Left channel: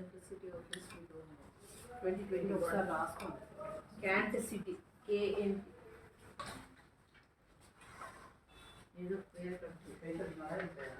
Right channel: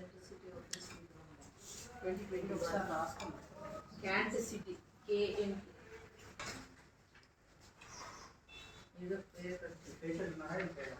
City office twenty twenty ఒకసారి రాసుకోండి can't city KN ఏదో పేరు కట్టు.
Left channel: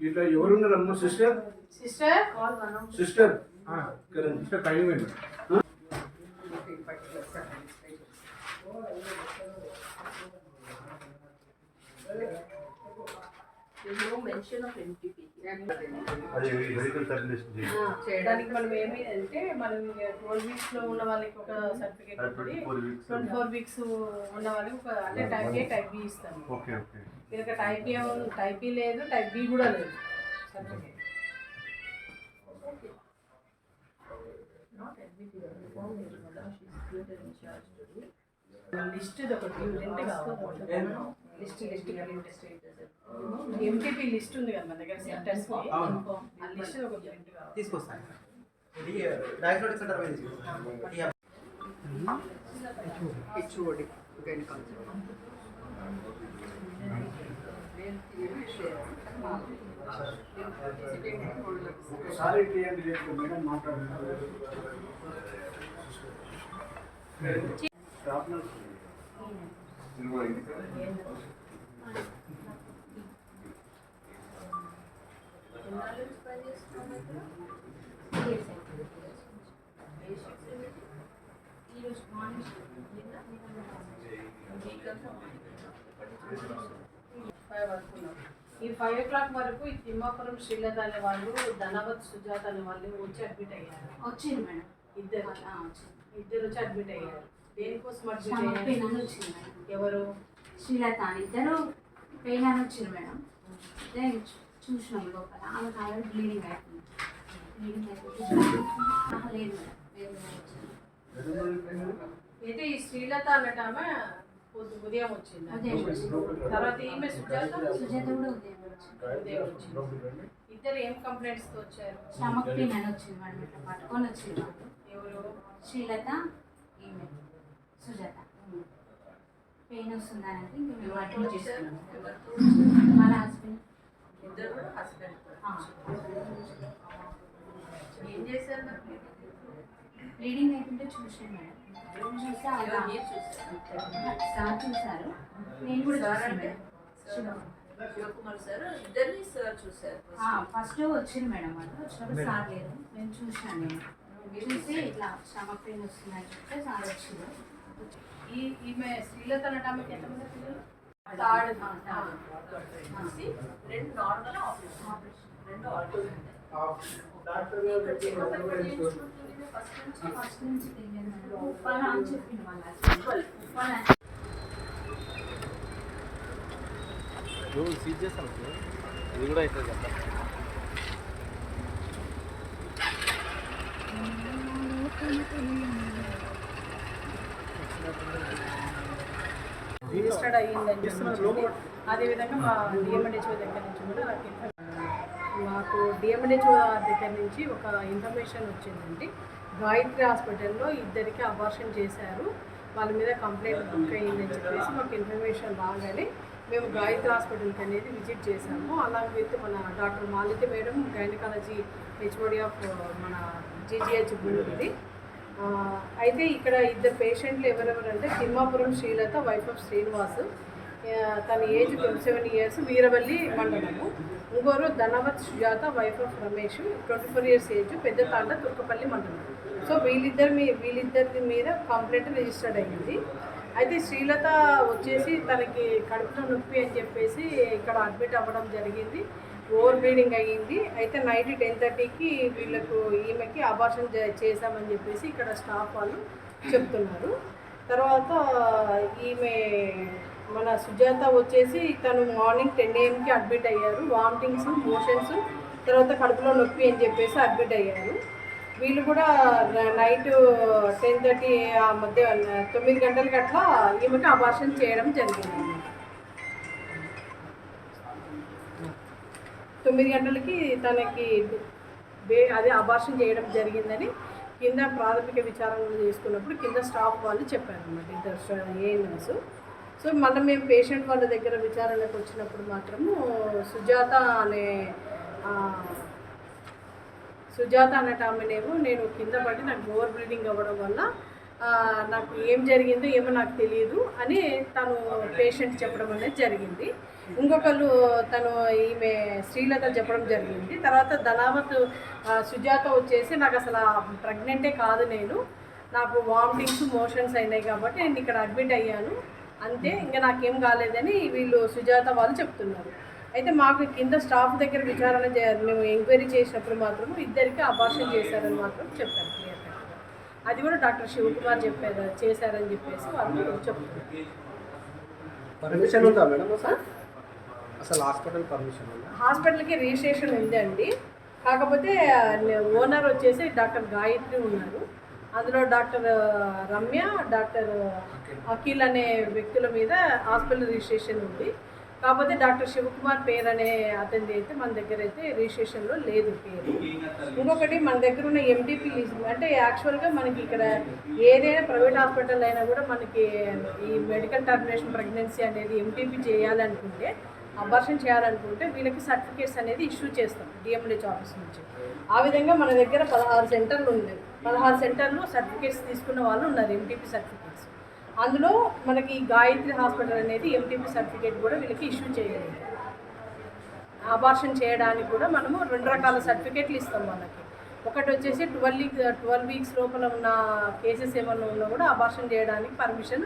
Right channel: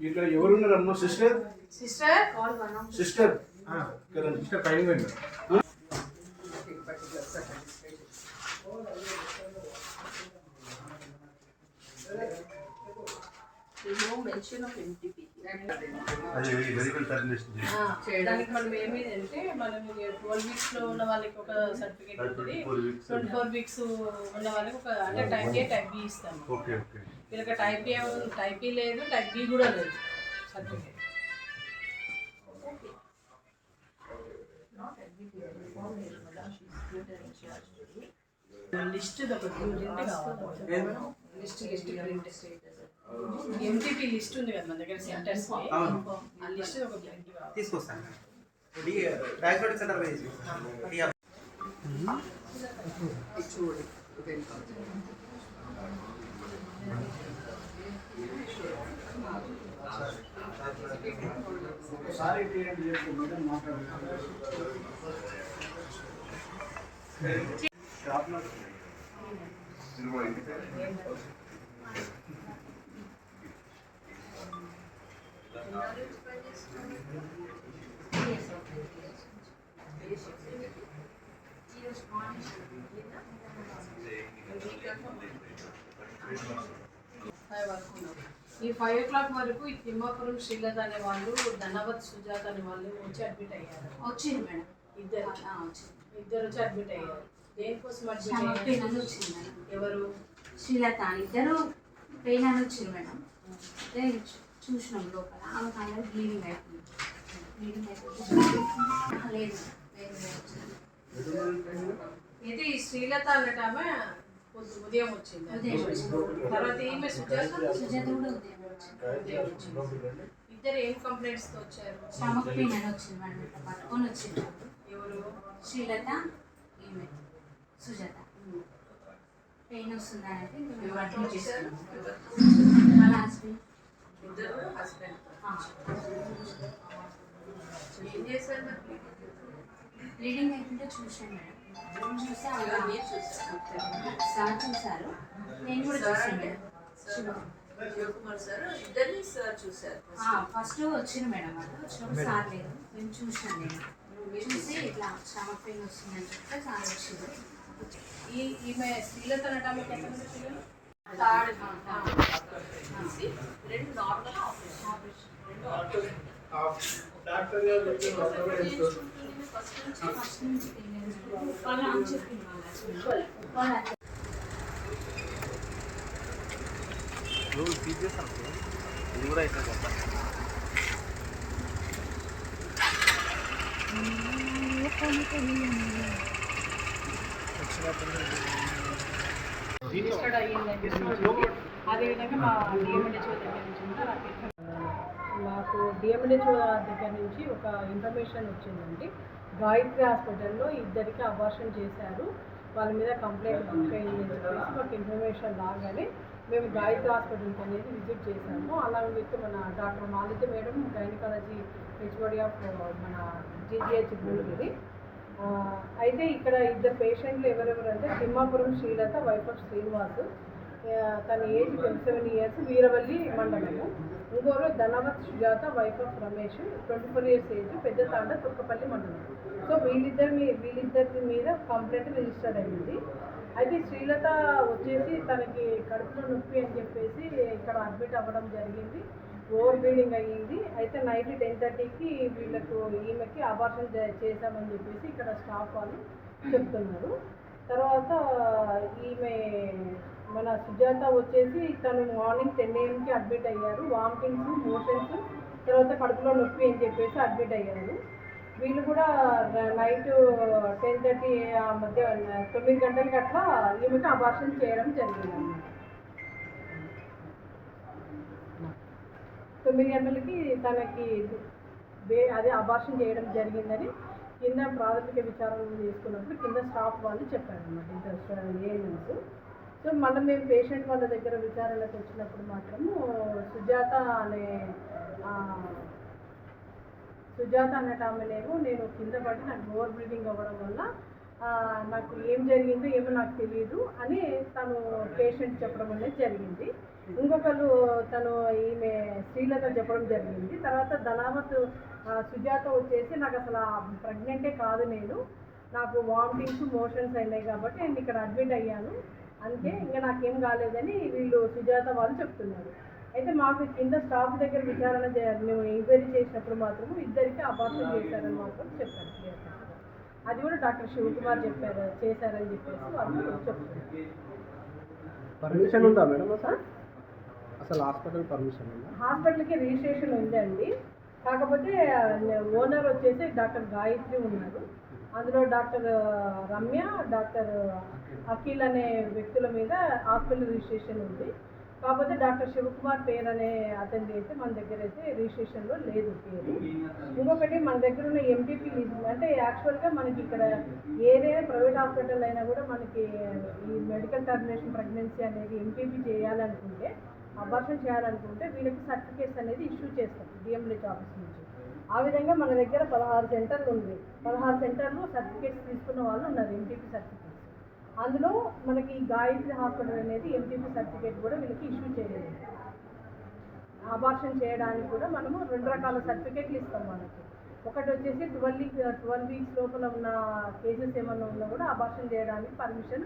ఇట్లా ఎవరున్నారమ్మా సిస్టర్ సిస్టర్ సిస్టర్ సిస్టర్ పైన There's no mention of MTP. దానికి మనం ఏమి అంటే మనం ట్వెల్వ్ వీక్స్లో ఉన్న వాళ్ళకి ఒక సర్టిఫికేట్ ఉంటుంది. ట్వంటీ ఫోర్ వీక్స్ ఉన్న వాళ్ళకి ఒక అంటే టైప్ ఏ టైప్ బి ఇస్తాము. ఓకే ఓకే వీళ్ళకి టైప్ ఏ టైప్ ఈ లేదు టైప్ బి కూడా లేదు సర్టిఫికేట్. లిస్ట్ ఒకటి. List list print MTP list ఉంది కదా మన దగ్గర సెంటర్స్ అవును. ఆ లిస్ట్ ఒక ప్రింట్ కావాలి. తీసుకొస్తాను. ఇది diagnostic centre wise HOD, gynecology. Sorry TMD చెప్పు మేడం మాట్లాడుతున్నారు షాప్లో ఎన్నాళ్ళ నుంచి పనిచేస్తున్నావు? ఏ shift ఏమిటి? ఈరోజు మార్నింగ్ shift. నిన్న? వీక్ అంతా ఫైవ్ వరకు ఉన్నాం. ఈ ఫైవ్ ఓ క్లాక్ వరకు ఈ తిమ్మాపురం శ్రీలత అనే వాళ్ళు ధనవత్ సుజాత అనే వాళ్ళు వచ్చి అడ్మిట్ అయ్యారు వచ్చింది మేడం ఇద్దరు ఆ, వచ్చింది ఇద్దరు వచ్చి అడ్మిట్ అయ్యారు దేనికోసం పెయిన్ అని వచ్చింది మేడం. ఎవరు? శ్రీలత అని. ఇద్దరు పెయిన్ అని వచ్చింది మేడం చూసినాం లోపల. ఆమె కాలేదు బ్లీడింగ్ అవుతుంది బ్లీడింగ్ అయిపోతే లేదు అయితే ఈ శ్రీలత అన్నట్టు ఆమె పొద్దు- ఉదయం వచ్చింది? ఉదయం వచ్చింది. తర్వాత ఈమె సుజాత? సుజాత కూడా ఉదయం వచ్చింది. ఉదయం వచ్చింది. ఇద్దరు ఏం కంప్లైంట్స్తో వచ్చారు? స్టమక్ పెయిన్ అని వచ్చింది మేడం. ఇట్లా పట్టుకొని వచ్చింది. ఎవరు? శ్రీలత ఈమె. పెయిన్ వస్తుందా అని అంటే మేము వాళ్ళ హస్బెండ్ ఇద్దరు కూడా హస్బెండ్ ఆ. ఏం చేశారు మరి? అవుతుంటే చూసాను మేడం. చూసి సార్ చూసారు నేను కూడా సార్ చూసాను శివకుమార్ సార్ ఇద్దరిని సార్ చూసారు ఫస్ట్ వచ్చింది మేడం వాళ్ళు. వచ్చినప్పుడు సార్ లేదు నేను చూసాను నేను. చూసి ఇట్లా స్టమక్ పెయిన్ వస్తుందని చెప్తే సార్ వచ్చింది ఈ ఈమె శ్రీలత అన్నట్టు ఆమెకి ఎంతమంది పిల్లలు థర్డ్ తీసి రెండు నార్మల్ ఆపరేషన్ రెండు ఆపరేషన్ డాక్టర్ గారు చెప్పిన ఫస్ట్ నుంచి ఫస్ట్ నుంచి తెలియదు మేడం ఉప్పాల అని చెప్పింది వాళ్ళ husband. ఉప్పాల సీజ్ చేస్తాను ఇది కూడా అవుతుంది కదా రిజిస్టర్డ్ అయ్యిందని చెప్పి అదేవిధంగా మా డిఎంఎన్హెచ్ఓ దగ్గర నుంచి కూడా మాకు డిఎంఎన్హెచ్ఓ దగ్గర నుంచి ఒక ఇన్ఫర్మేషన్ వచ్చిందండి. గాయత్రి హాస్పిటల్లో ఇద్దరికి అబార్షన్ చేశారు. వాళ్ళ మీద కంప్లైంట్ బుక్ అయ్యిందని చెప్పేసి మాకు ఇన్ఫర్మేషన్ రాగానే మేము గాయత్రి హాస్పిటల్కి అనేది విజిట్ చేశాము. అలాగే విత్ మన doctor Malika madam gynaecology HOD of మన జీజీహెచ్ భూమిది అయితే ఇక్కడ ఇద్దరు పేషెంట్లు ఎవరెవరు అంటే తిమ్మాపురం శ్రీలత వైఫ్ ఆఫ్ శ్రీనివాస్. తన age twenty seven years Veeravalli మండలము. ఇంకోరు Dhanavath Sujatha wife of Ramesh. Twenty four years age Pedda Thanda Turkapalli మండలం. సో వీళ్ళిద్దరి మీ వీళ్ళిద్దరి మీద కంప్లైంట్ రిజిస్టర్డ్ అయ్యింది అయితే శ్రీలత వచ్చేసి తనకి కడుపులో నొప్పి అని చెప్పేసి ఇక్కడ అడ్మిట్ అవ్వడం జరిగింది. ఓవర్ బ్లీడింగ్ అయ్యింది. అయితే నైట్ టెన్ థర్టీకి వీళ్ళకు ఈమెకి అబార్షన్ చేశామని చెప్పేసి ఇక్కడ స్టాఫ్ వాళ్ళు చెప్తున్నారు. తర్వాత ఈమె మన సుజాత వచ్చేసి తను మార్నింగ్ టెన్ ఏఎంకి అడ్మిట్ అయ్యారు. వామిటింగ్స్ మోషన్స్ తర్వాత కడుపులో నొప్పి అని చెప్పేసి అడ్మిట్ అయ్యారు. వీళ్ళు కూడా నైట్ టెన్ థర్టీ ఆ మధ్య తొమ్మిది గంటలకి అట్లా ఈమెకి అబార్షన్ చేయడం జరిగింది. తొమ్మిది గంటలకి తనకి అదే అబార్షన్ చేయడం జరిగిందని కింద ప్రాథమిక విచారణ చేసుకున్నప్పుడు కింద స్టాఫ్ వాళ్ళు చెప్పారు అన్నమాట ఇద్దరు ఏఎన్ఎంస్ సో మళ్ళీ మేము పేషెంట్ వాళ్ళ దగ్గర విచారణకు వచ్చినప్పుడు మాత్రము సుజాత అనే సుజాత అనేట ఆమెనేమో నేను కింద పడి నాకు ఓవర్ బ్లీడింగ్ అవ్వడం వల్ల నాకు ఏం జరిగిందో ఏమో నాకు తెలియదు అని తను పేషెంట్ చెప్పడం అనేది జరిగింది. ఇంకొకరు తను ఈమె శ్రీలత చెప్పడం జరిగింది. తర్వాత ధనావత్ సుజాత వచ్చేసి నాకు అసలు ప్రెగ్నెంటే కాదు నేను. నాకు వామిటింగ్స్ మోషన్స్ అయినాయి కాబట్టి నేను ఇక్కడ అడ్మిట్ అయ్యాను. అంతే ఇంకా నాకేం కాలేదని వీళ్ళు సుజాత వాళ్ళు చెప్తున్నారు. అయితే మాకు కింద స్టాఫ్ దగ్గర విచారణ చేయాలి మేము ఎంక్వైరీ చేసినప్పుడు మాత్రం ఇద్దరికి అబార్షన్ చేశారని మాత్రం చెప్పారు. అది కూడా డాక్టర్ శివకుమార్ చెప్పారు చేశారని చెప్పేసి వాళ్ళు చెప్తున్నారు. పర్మిషన్ ఉందా మేడం అసలు? అసలు హాస్పిటల్ పర్మిషన్ ఉందా? హాస్పిటల్కి రిజిస్ట్రేషన్ ఉందండి కాకపోతే ఓనర్ వచ్చేసి డాక్టర్ గాయత్రి ఉన్నారు. అందులో డాక్టర్ రమ్య డాక్టర్ అఖిల్ అనే వ్యక్తుల మీద హాస్పిటల్ రిజిస్ట్రేషన్ ఉంది. కాకపోతే డాక్టర్ శివకుమార్ పేరు అనే అతనిది అయితే మన దగ్గర అయితే రిజిస్ట్రేషన్లో లేదు పేరు. ఇంకొకటి మన దగ్గర ఉన్న ఎండిపి అంటే యాక్చువల్గా మనకి ఇక్కడ ఏదైనా ప్రైవేట్ హాస్పిటల్ అయినా కూడా మనకి ఈ మెడికల్ టర్మినేషన్ ప్రెగ్నెన్సీ అనేది ఎంటీపీ చేయాలనుకుంటే అబార్షన్ చేయాలనుకుంటే వీళ్ళకి సర్టిఫికేట్స్ అనేది ఇష్యూ చేస్తాం డిఎంహెచ్ ఆఫీస్ నుంచి. ఆ విధంగా మన దగ్గర పదహారు సెంటర్లు ఉంది. పదహారు సెంటర్లు సర్టిఫికేట్స్ తీసుకున్న వాళ్ళు ఉన్నారు ఎంటీపీ సర్టిఫికేట్. అందులో మనకి ఈ గాయత్రి హాస్పిటల్ అనేది ఎంటీపీ సర్టిఫికేట్ కూడా వీళ్ళకి ఇష్యూ చేయలేదు. అబార్షన్ చేయడానికి కూడా మనము రెండు రకాల సర్టిఫికేట్లు ఇస్తాం వాళ్ళకి. ఒకటి వచ్చేసి ట్వెల్వ్ వీక్ ట్వెల్వ్ వీక్స్ లోపల ఉన్న కేసెస్ ఏమన్నా ఉన్నా కూడా అబార్షన్ చేయడానికి పర్మిషన్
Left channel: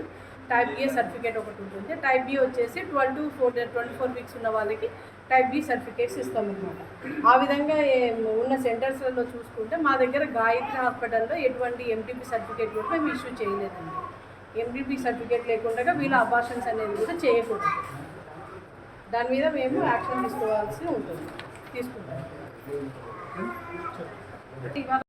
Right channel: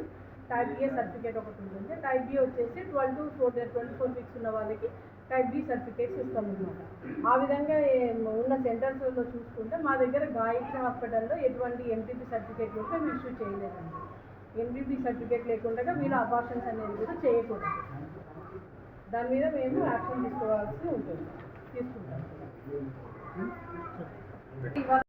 టైప్ ఏ సర్టిఫికేట్ ఒకటి ఉంటుంది. టైప్ బి వచ్చేసి twelve to four twenty four weeks ఉన్న వాళ్ళకి టైప్ బి సర్టిఫికేట్స్ ఇస్తాం అనమాట ఆ విధంగా ఉన్న సెంటర్స్లలో చూసుకుంటే మా దగ్గర గాయత్రి హాస్పిటల్లో ఎటువంటి ఎంటీపీ సర్టిఫికేట్ కూడా మేము ఇష్యూ చేయలేదండి. ఎంటీపీ సర్టిఫికేట్ లేకుండా వీళ్ళ అబార్షన్స్ అనేది కూడా చేయకూడదు. దాని మీద మేము యాక్షన్ తీసుకోవాల్సి ఉంటుంది. తీసుకుంటాం.